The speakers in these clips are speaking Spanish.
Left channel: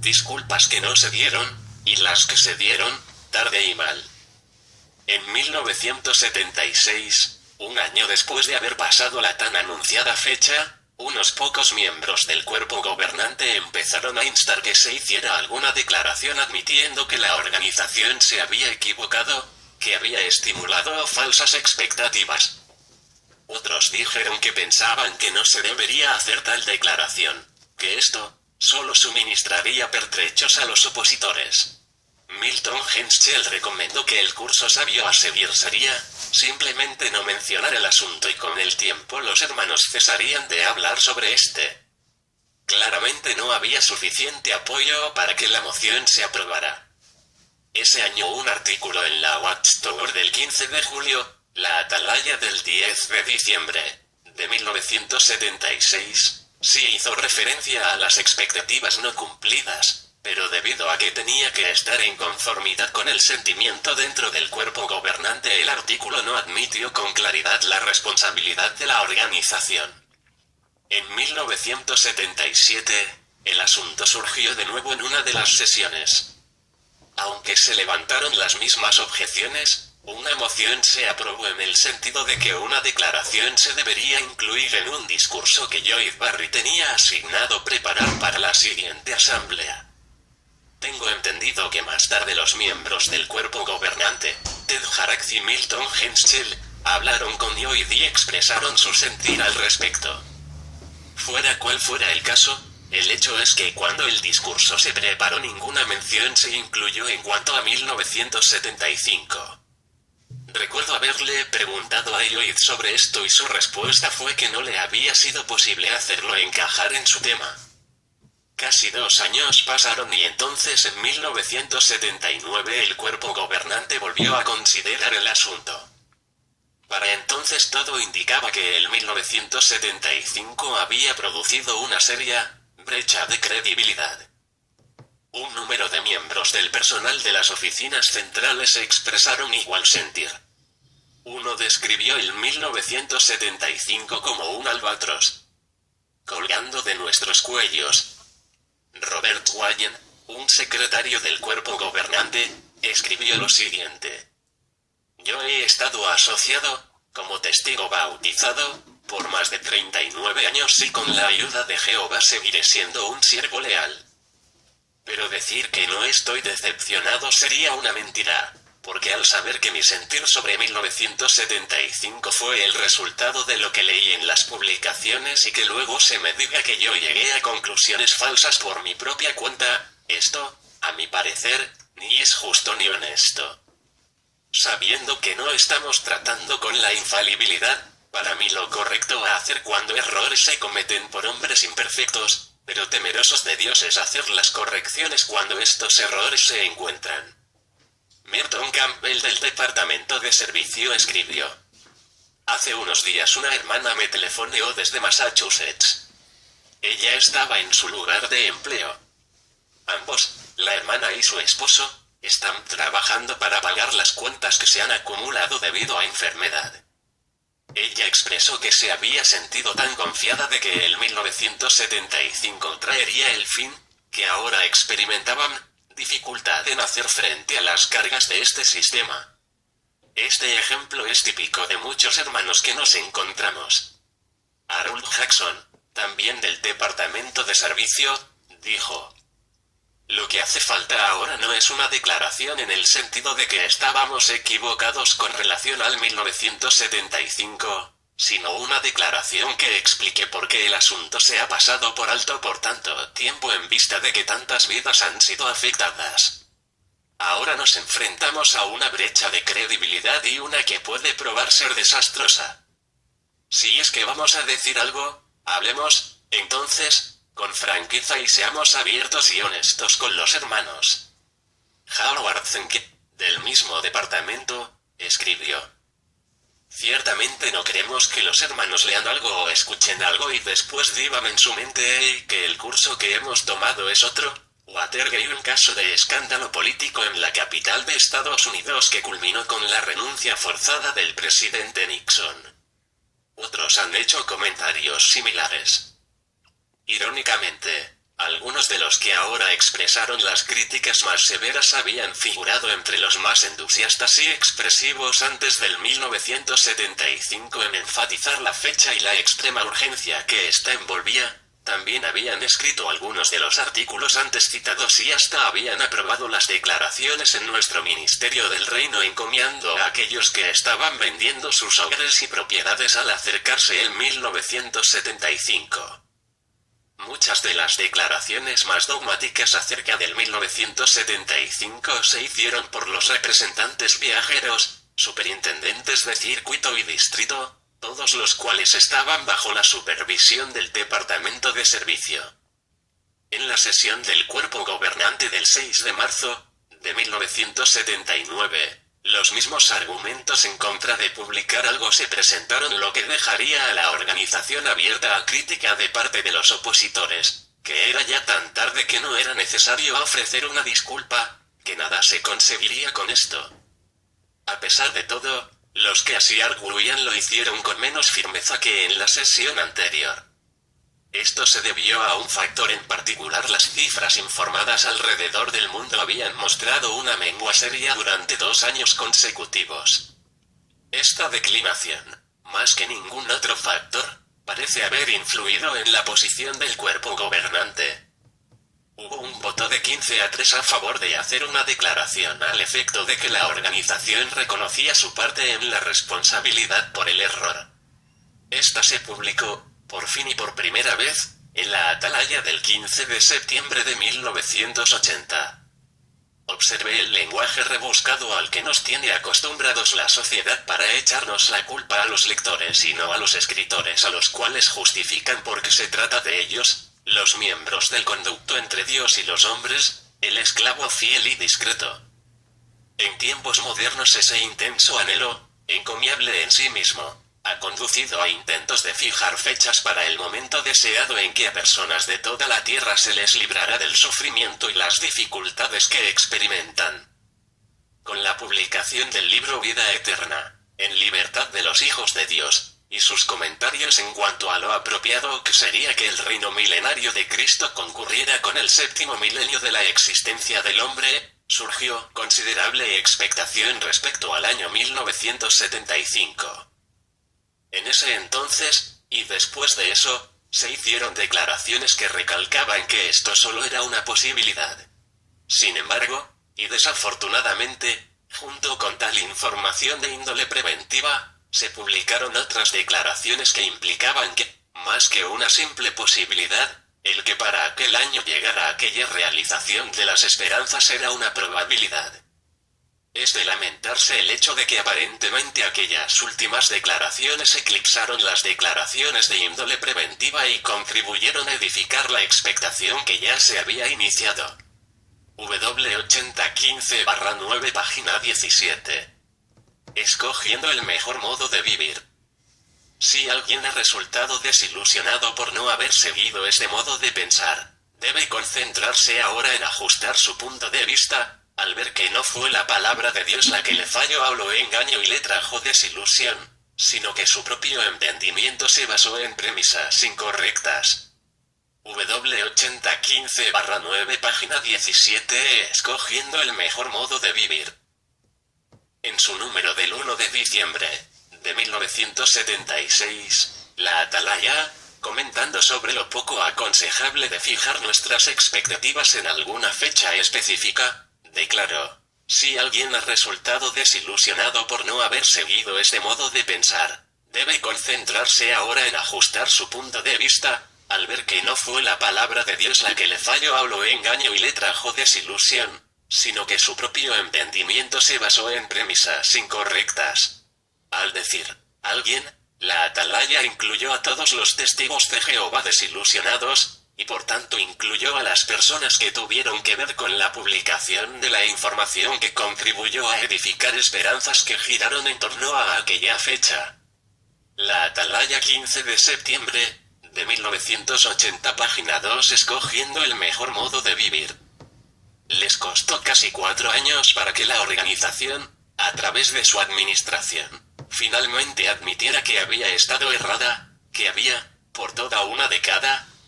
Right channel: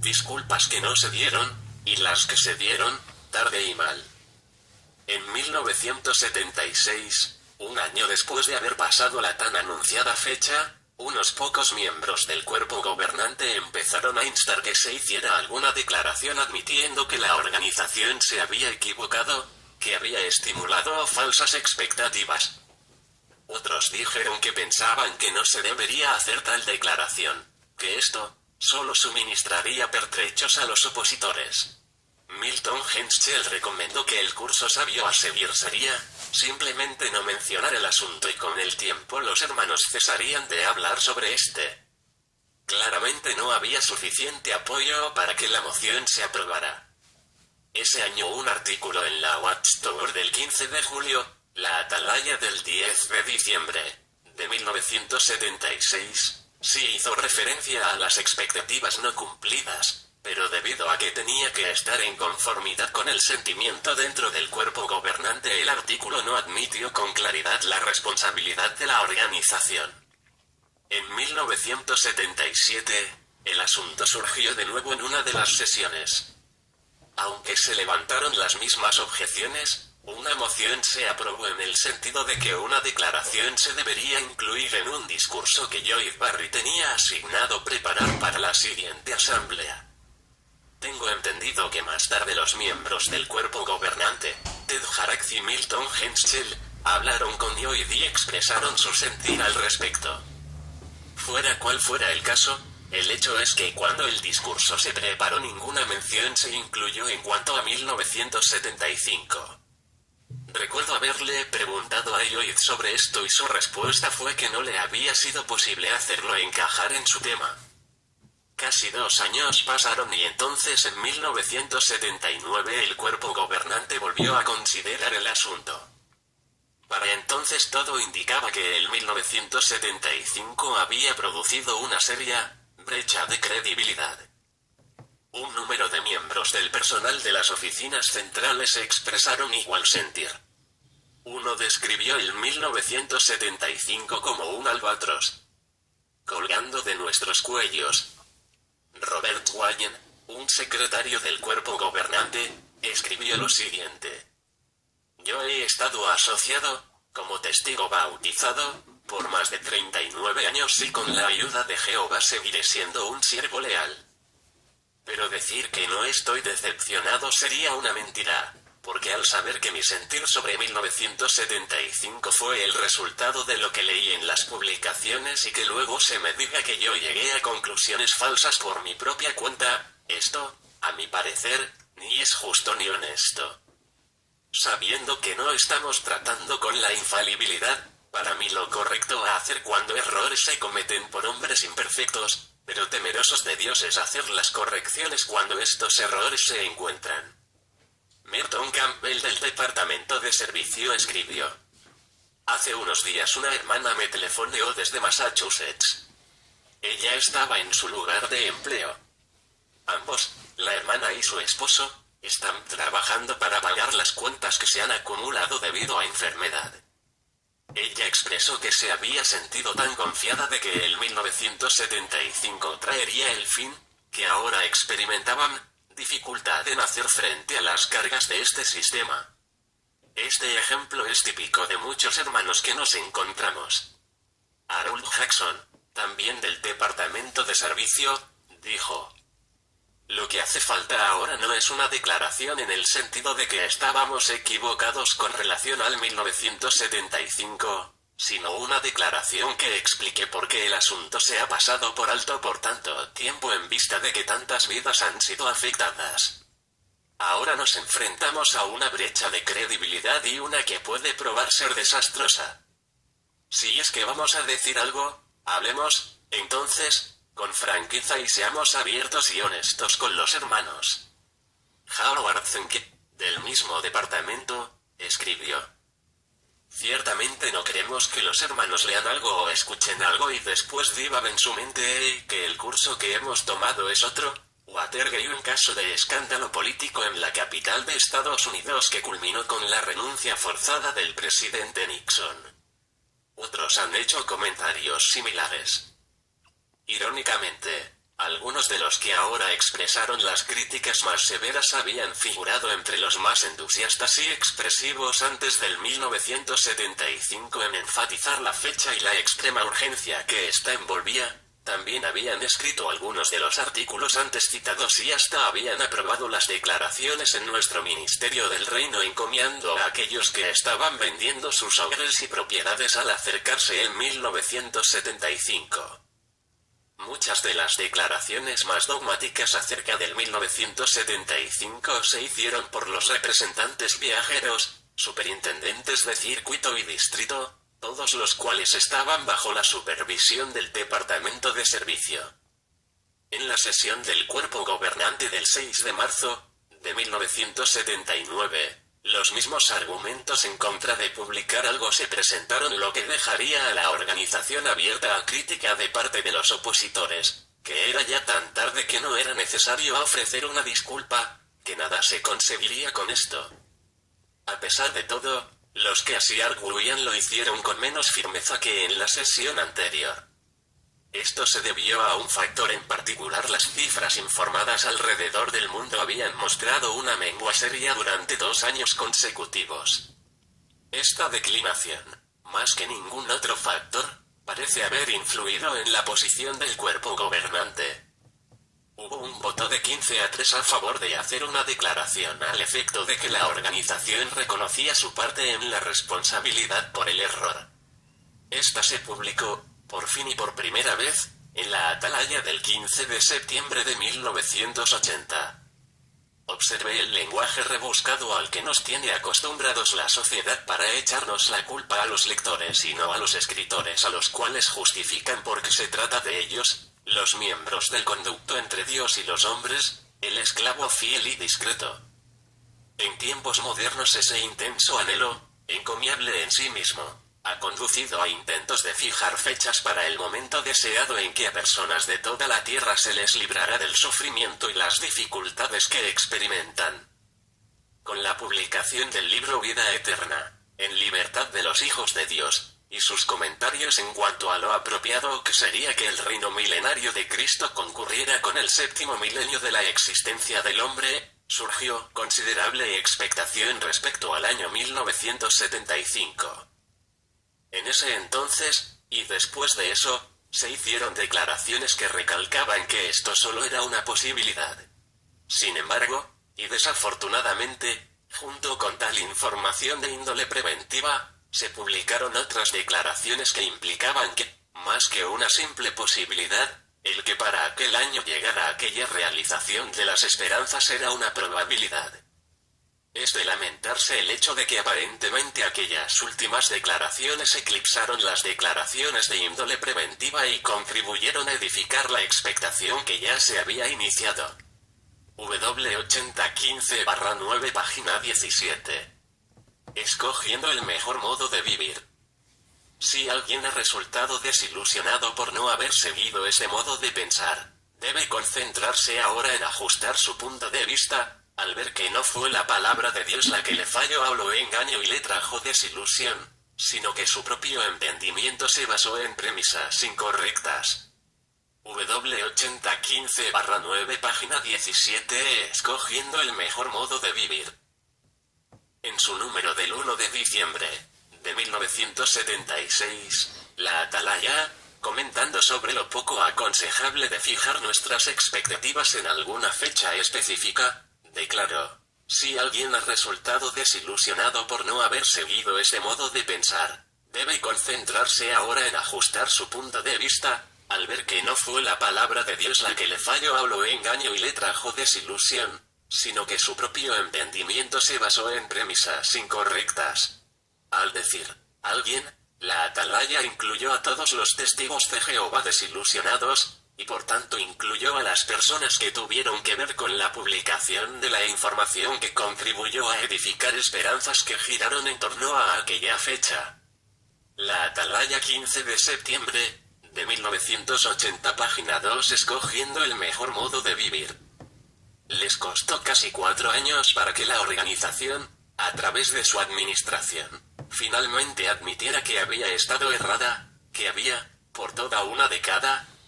disculpas que no se dieron, y las que se dieron, tarde y mal. En 1976, un año después de haber pasado la tan anunciada fecha, unos pocos miembros del cuerpo gobernante empezaron a instar que se hiciera alguna declaración admitiendo que la organización se había equivocado, que había estimulado falsas expectativas. Otros dijeron que pensaban que no se debería hacer tal declaración, que esto solo suministraría pertrechos a los opositores. Milton Henschel recomendó que el curso sabio a seguir sería simplemente no mencionar el asunto y con el tiempo los hermanos cesarían de hablar sobre este. Claramente no había suficiente apoyo para que la moción se aprobara. Ese año un artículo en la Watchtower del 15 de julio, la Atalaya del 10 de diciembre de 1976, sí hizo referencia a las expectativas no cumplidas, pero debido a que tenía que estar en conformidad con el sentimiento dentro del cuerpo gobernante, el artículo no admitió con claridad la responsabilidad de la organización. En 1977, el asunto surgió de nuevo en una de las sesiones. Aunque se levantaron las mismas objeciones, una moción se aprobó en el sentido de que una declaración se debería incluir en un discurso que Lloyd Barry tenía asignado preparar para la siguiente asamblea. Tengo entendido que más tarde los miembros del cuerpo gobernante, Ted Harax y Milton Henschel, hablaron con Lloyd y expresaron su sentir al respecto. Fuera cual fuera el caso, el hecho es que cuando el discurso se preparó ninguna mención se incluyó en cuanto a 1975. Recuerdo haberle preguntado a Lloyd sobre esto y su respuesta fue que no le había sido posible hacerlo encajar en su tema. Casi 2 años pasaron y entonces en 1979 el cuerpo gobernante volvió a considerar el asunto. Para entonces todo indicaba que el 1975 había producido una seria brecha de credibilidad. Un número de miembros del personal de las oficinas centrales expresaron igual sentir. Uno describió el 1975 como un albatros colgando de nuestros cuellos. Robert Wayne, un secretario del cuerpo gobernante, escribió lo siguiente: yo he estado asociado, como testigo bautizado, por más de 39 años y con la ayuda de Jehová seguiré siendo un siervo leal. Pero decir que no estoy decepcionado sería una mentira, porque al saber que mi sentir sobre 1975 fue el resultado de lo que leí en las publicaciones y que luego se me diga que yo llegué a conclusiones falsas por mi propia cuenta, esto, a mi parecer, ni es justo ni honesto. Sabiendo que no estamos tratando con la infalibilidad, para mí lo correcto a hacer cuando errores se cometen por hombres imperfectos, pero temerosos de Dios, es hacer las correcciones cuando estos errores se encuentran. Merton Campbell del Departamento de Servicio escribió: hace unos días una hermana me telefoneó desde Massachusetts. Ella estaba en su lugar de empleo. Ambos, la hermana y su esposo, están trabajando para pagar las cuentas que se han acumulado debido a enfermedad. Ella expresó que se había sentido tan confiada de que el 1975 traería el fin, que ahora experimentaban dificultad en hacer frente a las cargas de este sistema. Este ejemplo es típico de muchos hermanos que nos encontramos. Harold Jackson, también del Departamento de Servicio, dijo: lo que hace falta ahora no es una declaración en el sentido de que estábamos equivocados con relación al 1975, sino una declaración que explique por qué el asunto se ha pasado por alto por tanto tiempo en vista de que tantas vidas han sido afectadas. Ahora nos enfrentamos a una brecha de credibilidad y una que puede probar ser desastrosa. Si es que vamos a decir algo, hablemos, entonces, con franqueza y seamos abiertos y honestos con los hermanos. Howard Zenke, del mismo departamento, escribió: ciertamente no queremos que los hermanos lean algo o escuchen algo y después digan en su mente que el curso que hemos tomado es otro. Watergate, un caso de escándalo político en la capital de Estados Unidos que culminó con la renuncia forzada del presidente Nixon. Otros han hecho comentarios similares. Irónicamente, Algunos de los que ahora expresaron las críticas más severas habían figurado entre los más entusiastas y expresivos antes del 1975 en enfatizar la fecha y la extrema urgencia que ésta envolvía. También habían escrito algunos de los artículos antes citados y hasta habían aprobado las declaraciones en nuestro Ministerio del Reino encomiando a aquellos que estaban vendiendo sus hogares y propiedades al acercarse el 1975. Muchas de las declaraciones más dogmáticas acerca del 1975 se hicieron por los representantes viajeros, superintendentes de circuito y distrito, todos los cuales estaban bajo la supervisión del Departamento de Servicio. En la sesión del cuerpo gobernante del 6 de marzo de 1979, los mismos argumentos en contra de publicar algo se presentaron, lo que dejaría a la organización abierta a crítica de parte de los opositores, que era ya tan tarde que no era necesario ofrecer una disculpa, que nada se conseguiría con esto. A pesar de todo, los que así arguían lo hicieron con menos firmeza que en la sesión anterior. Esto se debió a un factor en particular: las cifras informadas alrededor del mundo habían mostrado una mengua seria durante 2 años consecutivos. Esta declinación, más que ningún otro factor, parece haber influido en la posición del cuerpo gobernante. Hubo un voto de 15-3 a favor de hacer una declaración al efecto de que la organización reconocía su parte en la responsabilidad por el error. Esta se publicó, por fin y por primera vez, en la Atalaya del 15 de septiembre de 1980. Observe el lenguaje rebuscado al que nos tiene acostumbrados la sociedad para echarnos la culpa a los lectores y no a los escritores, a los cuales justifican porque se trata de ellos, los miembros del conducto entre Dios y los hombres, el esclavo fiel y discreto. En tiempos modernos ese intenso anhelo, encomiable en sí mismo, ha conducido a intentos de fijar fechas para el momento deseado en que a personas de toda la tierra se les librará del sufrimiento y las dificultades que experimentan. Con la publicación del libro Vida Eterna, en libertad de los hijos de Dios, y sus comentarios en cuanto a lo apropiado que sería que el reino milenario de Cristo concurriera con el 7º milenio de la existencia del hombre, surgió considerable expectación respecto al año 1975. En ese entonces, y después de eso, se hicieron declaraciones que recalcaban que esto solo era una posibilidad. Sin embargo, y desafortunadamente, junto con tal información de índole preventiva, se publicaron otras declaraciones que implicaban que, más que una simple posibilidad, el que para aquel año llegara aquella realización de las esperanzas era una probabilidad. Es de lamentarse el hecho de que aparentemente aquellas últimas declaraciones eclipsaron las declaraciones de índole preventiva y contribuyeron a edificar la expectación que ya se había iniciado. W8015-9 página 17. Escogiendo el mejor modo de vivir. Si alguien ha resultado desilusionado por no haber seguido ese modo de pensar, debe concentrarse ahora en ajustar su punto de vista, al ver que no fue la palabra de Dios la que le falló o lo engañó y le trajo desilusión, sino que su propio entendimiento se basó en premisas incorrectas. W8015-9 página 17. Escogiendo el mejor modo de vivir. En su número del 1 de diciembre de 1976, la Atalaya, comentando sobre lo poco aconsejable de fijar nuestras expectativas en alguna fecha específica, declaró: si alguien ha resultado desilusionado por no haber seguido ese modo de pensar, debe concentrarse ahora en ajustar su punto de vista, al ver que no fue la palabra de Dios la que le falló o lo engañó y le trajo desilusión, sino que su propio entendimiento se basó en premisas incorrectas. Al decir alguien, la Atalaya incluyó a todos los testigos de Jehová desilusionados, y por tanto incluyó a las personas que tuvieron que ver con la publicación de la información que contribuyó a edificar esperanzas que giraron en torno a aquella fecha. La Atalaya 15 de septiembre de 1980 página 2. Escogiendo el mejor modo de vivir. Les costó casi 4 años para que la organización, a través de su administración, finalmente admitiera que había estado errada, que había, por toda una década,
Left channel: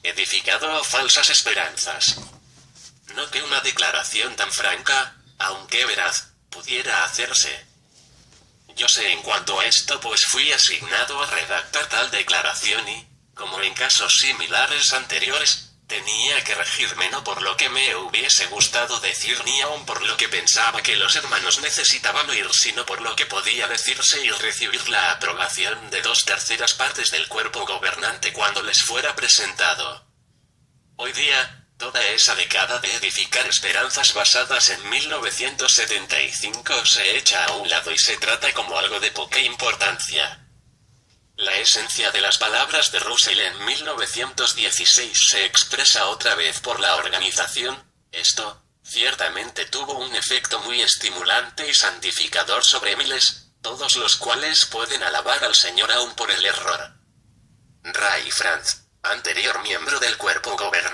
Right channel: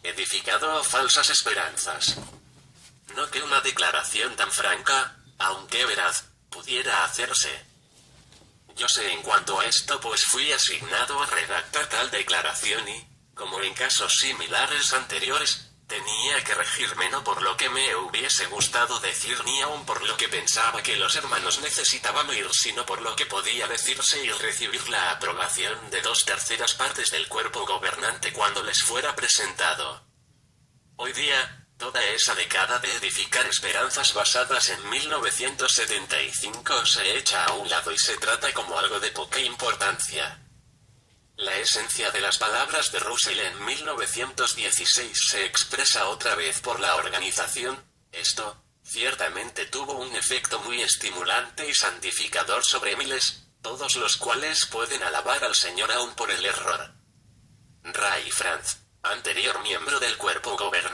edificado falsas esperanzas. No que una declaración tan franca, aunque veraz, pudiera hacerse. Yo sé en cuanto a esto, pues fui asignado a redactar tal declaración y, como en casos similares anteriores, tenía que regirme no por lo que me hubiese gustado decir ni aun por lo que pensaba que los hermanos necesitaban oír, sino por lo que podía decirse y recibir la aprobación de 2/3 partes del cuerpo gobernante cuando les fuera presentado. Hoy día, toda esa década de edificar esperanzas basadas en 1975 se echa a un lado y se trata como algo de poca importancia. La esencia de las palabras de Russell en 1916 se expresa otra vez por la organización. Esto, ciertamente tuvo un efecto muy estimulante y santificador sobre miles, todos los cuales pueden alabar al Señor aún por el error. Ray Franz, anterior miembro del cuerpo gobernante,